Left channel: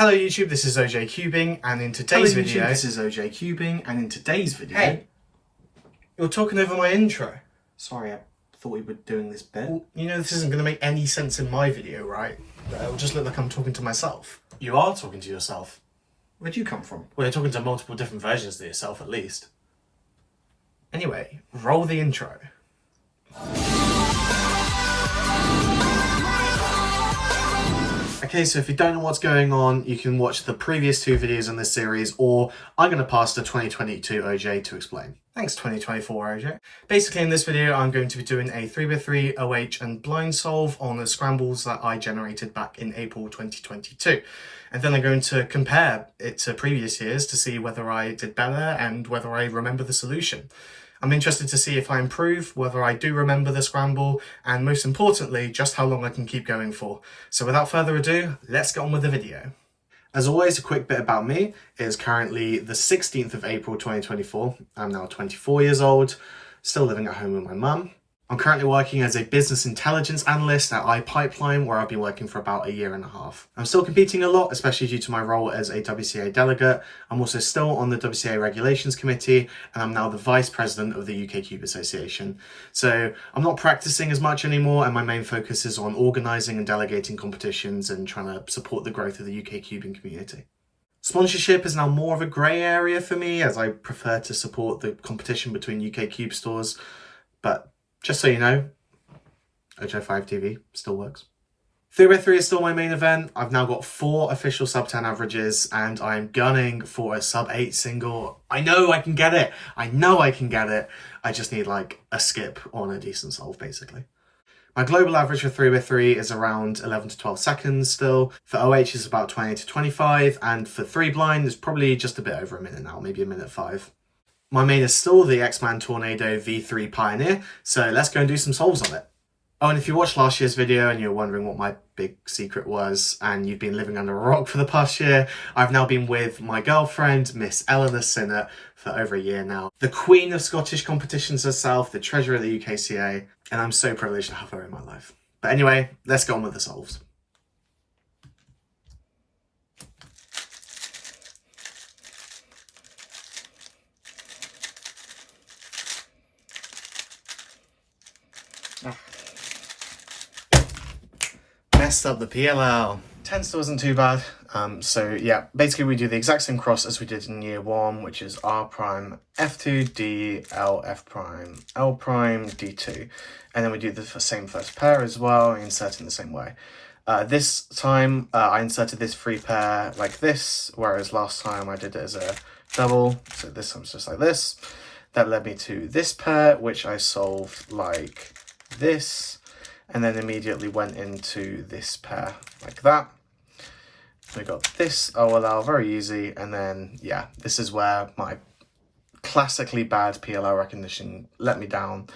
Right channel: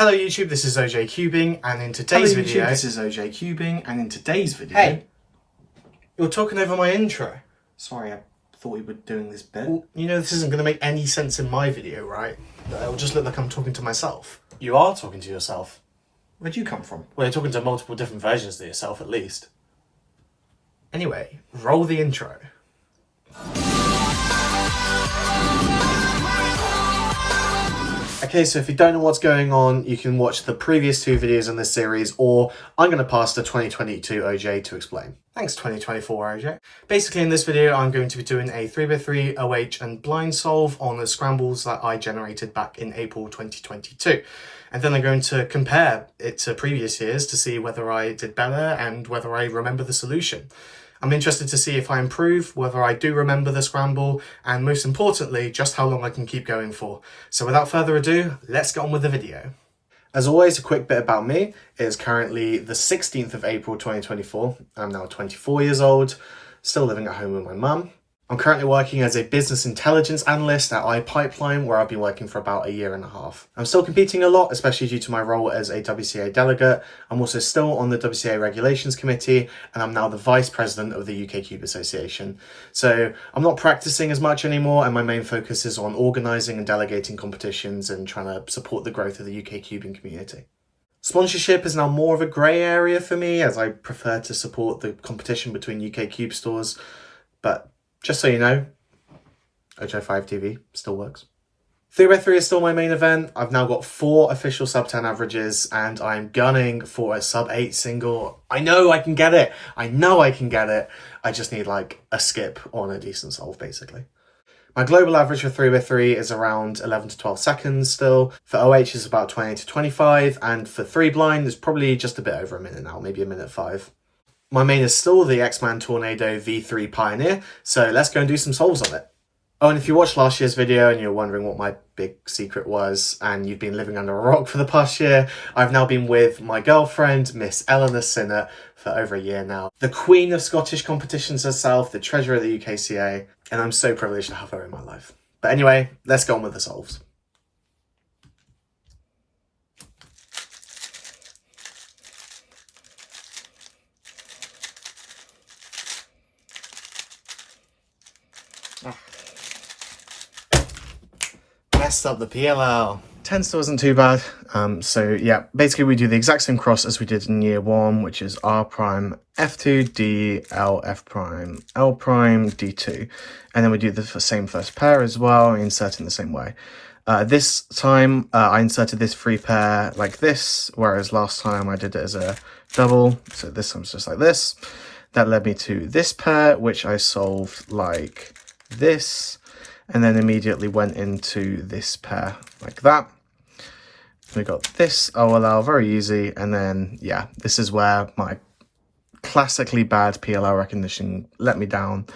Hello YouTube, this is OJ Cubing, and in today's video... this is OJ Cubing, and in today's video... Hey! You're talking over my intro. Sorry, I thought we were doing this bit. Well, you know this isn't going to make any sense in my video, right? It'll just look like I'm talking to myself. You are talking to yourself. Where'd you come from? Well, you're talking to multiple different versions of yourself, at least. Anyway, roll the intro. Okay, so if you don't know what's going on, you can watch the previous two videos in this series, or I'm going to pass to 2022 OJ to explain. Thanks 2024 OJ. Basically in this video, I'm going to be doing a 3x3 OH and blind solve on the scrambles that I generated back in April 2022. And then I'm going to compare it to previous years to see whether I did better and whether I remember the solution. I'm interested to see if I improve, whether I do remember the scramble, and most importantly, just how long I can keep going for. So without further ado, let's get on with the video. As always, a quick bit about me. It is currently the 16th of April 2024. I'm now 24 years old, still living at home with my mum. I'm currently working as a business intelligence analyst at iPipeline, where I've been working for about a year and a half. I'm still competing a lot, especially due to my role as a WCA delegate. I'm also still on the WCA Regulations Committee, and I'm now the Vice President of the UK Cube Association. So I'm not practicing as much anymore, and my main focus is on organising and delegating competitions and trying to support the growth of the UK cubing community. Sponsorship is now more of a grey area for me, as I prefer to support the competition between UK Cube stores, but just so you know, OJ5 TV still works. 3x3 is still my main event. I've now got 4 official sub 10 averages and I'm gunning for a sub 8 single. I know I can get it. I know I can get it. I just need like a skip on a decent solve basically. My global average for 3x3 is around 11 to 12 seconds still. For OH is about 20 to 25, and for 3 blind is probably just a bit over a minute now, maybe a minute 5. My main is still the X-Man Tornado V3 Pioneer, so let's go and do some solves on it. Oh, and if you watched last year's video and you're wondering what my big secret was, and you've been living under a rock for the past year, I've now been with my girlfriend, Miss Eleanor Sinnott, for over a year now. The queen of Scottish competitions herself, the treasurer of the UKCA, and I'm so privileged to have her in my life. But anyway, let's go on with the solves. Messed up the PLL. 10 still isn't too bad. So yeah, basically we do the exact same cross as we did in year 1, which is R prime, F2, D, L, F prime, L prime, D2. And then we do the same first pair as well, insert in the same way. This time I inserted this free pair like this, whereas last time I did it as a double. So this time's just like this. That led me to this pair, which I solved like this, and then immediately went into this pair like that. We got this OLL, very easy, and then yeah, this is where my classically bad PLL recognition let me down.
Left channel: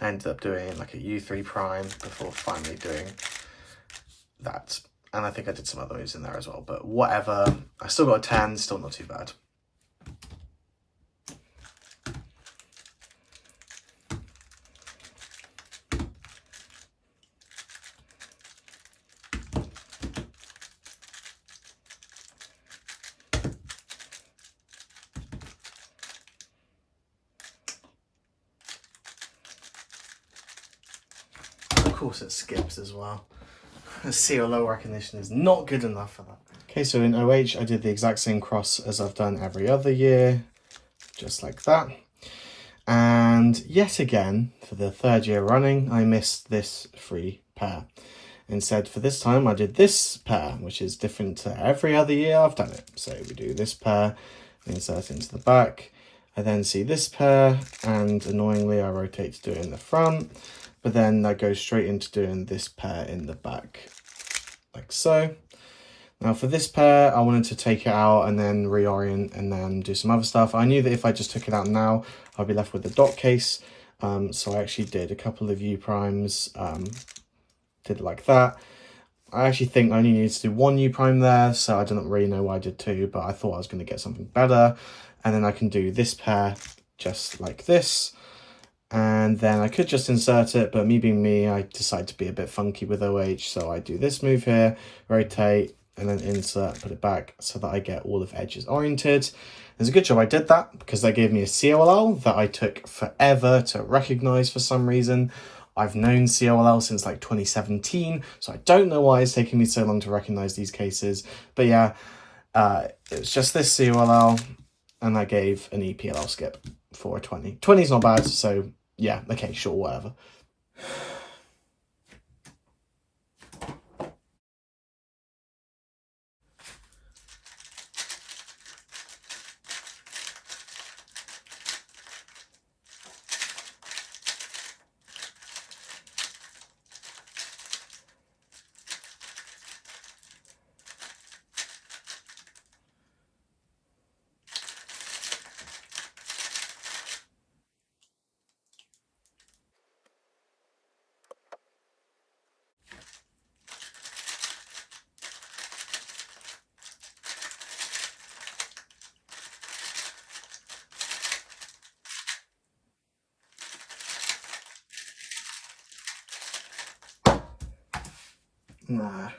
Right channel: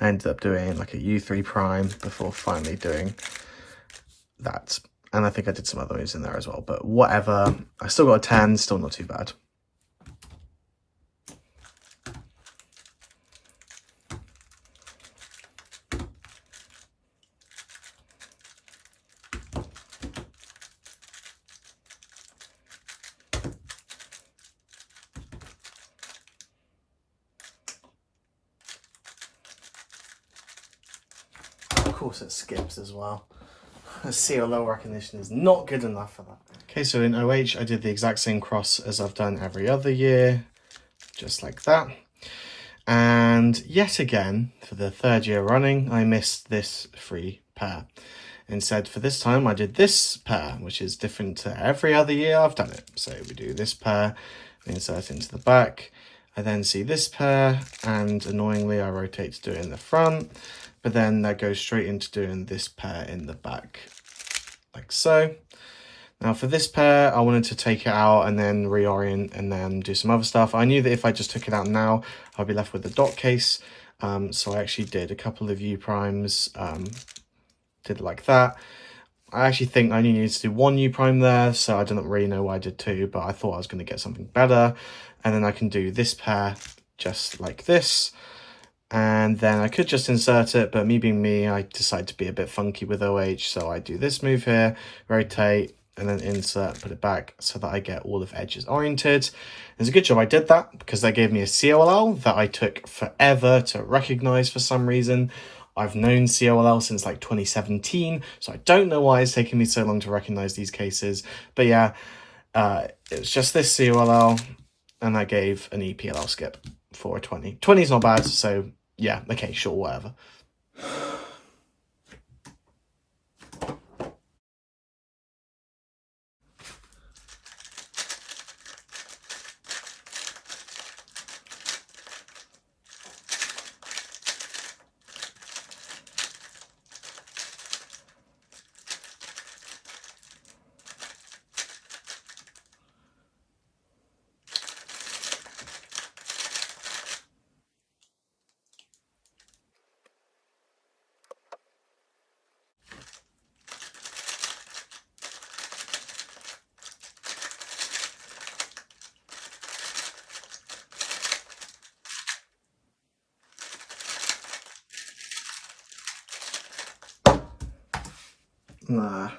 I ended up doing like a U3 prime before finally doing that, and I think I did some other moves in there as well, but whatever. I still got a 10, still not too bad. Of course it skips as well. The CLO recognition is not good enough for that. Okay, so in OH I did the exact same cross as I've done every other year, just like that. And yet again, for the 3rd year running, I missed this free pair. Instead, for this time, I did this pair, which is different to every other year I've done it. So we do this pair, insert into the back. I then see this pair, and annoyingly I rotate to do it in the front. But then that goes straight into doing this pair in the back, like so. Now for this pair, I wanted to take it out and then reorient and then do some other stuff. I knew that if I just took it out now, I'd be left with the dot case. So I actually did a couple of U primes, did it like that. I actually think I only needed to do 1 U prime there, so I don't really know why I did 2, but I thought I was going to get something better. And then I can do this pair just like this. And then I could just insert it, but me being me, I decide to be a bit funky with OH. So I do this move here, rotate, and then insert, put it back so that I get all of edges oriented. It's a good job I did that because that gave me a COLL that I took forever to recognize for some reason. I've known COLL since like 2017, so I don't know why it's taken me so long to recognize these cases. But yeah, it was just this COLL, and that gave an EPLL skip for a 20. 20 is not bad, so yeah, okay, sure, whatever. Nah.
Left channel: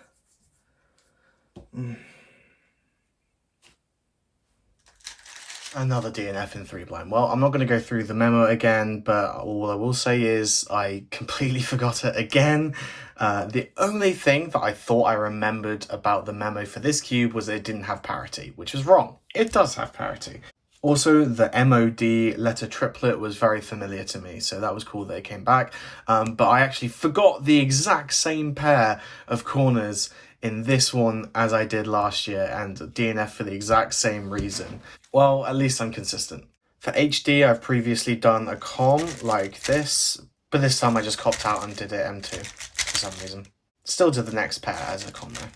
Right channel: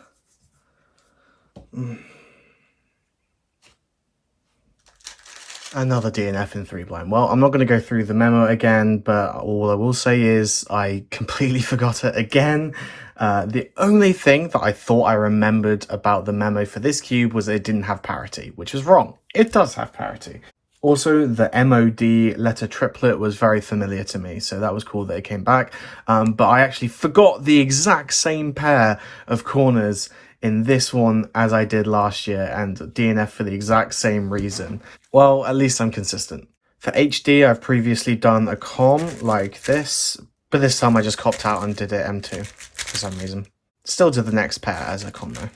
Another DNF in 3 blind. Well, I'm not going to go through the memo again, but all I will say is I completely forgot it again. The only thing that I thought I remembered about the memo for this cube was that it didn't have parity, which was wrong. It does have parity. Also, the MOD letter triplet was very familiar to me, so that was cool that it came back. But I actually forgot the exact same pair of corners in this one as I did last year, and DNF for the exact same reason. Well, at least I'm consistent. For HD, I've previously done a com like this, but this time I just copped out and did it M2 for some reason. Still did the next pair as a com though.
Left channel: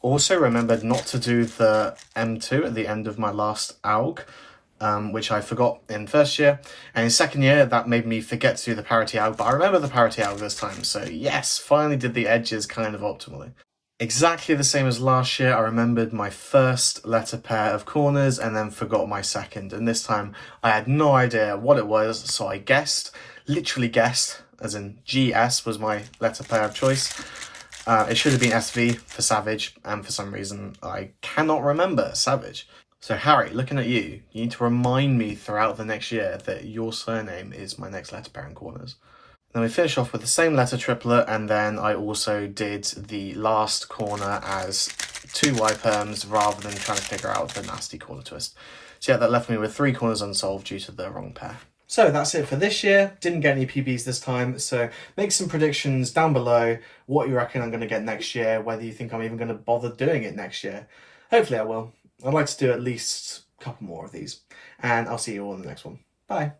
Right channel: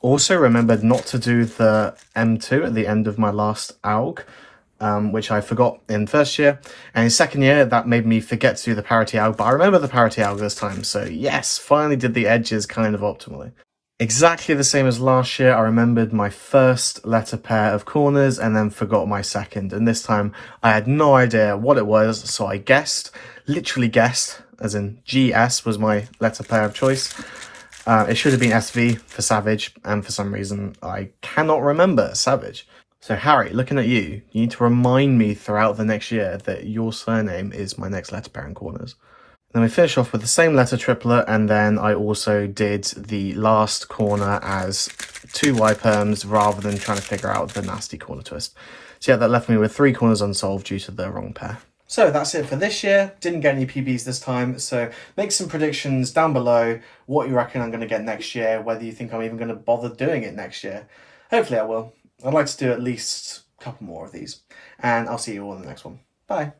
Also remembered not to do the M2 at the end of my last AUG, which I forgot in first year. And in second year, that made me forget to do the parity AUG, but I remember the parity AUG this time. So yes, finally did the edges kind of optimally. Exactly the same as last year, I remembered my first letter pair of corners and then forgot my second. And this time I had no idea what it was, so I guessed, literally guessed, as in GS was my letter pair of choice. It should have been SV for Savage, and for some reason I cannot remember Savage. So Harry, looking at you, you need to remind me throughout the next year that your surname is my next letter pair in corners. Then we finish off with the same letter triplet, and then I also did the last corner as 2 Y-perms rather than trying to figure out the nasty corner twist. So yeah, that left me with 3 corners unsolved due to the wrong pair. So that's it for this year. Didn't get any PBs this time, so make some predictions down below what you reckon I'm going to get next year, whether you think I'm even going to bother doing it next year. Hopefully I will. I'd like to do at least a couple more of these, and I'll see you all in the next one. Bye.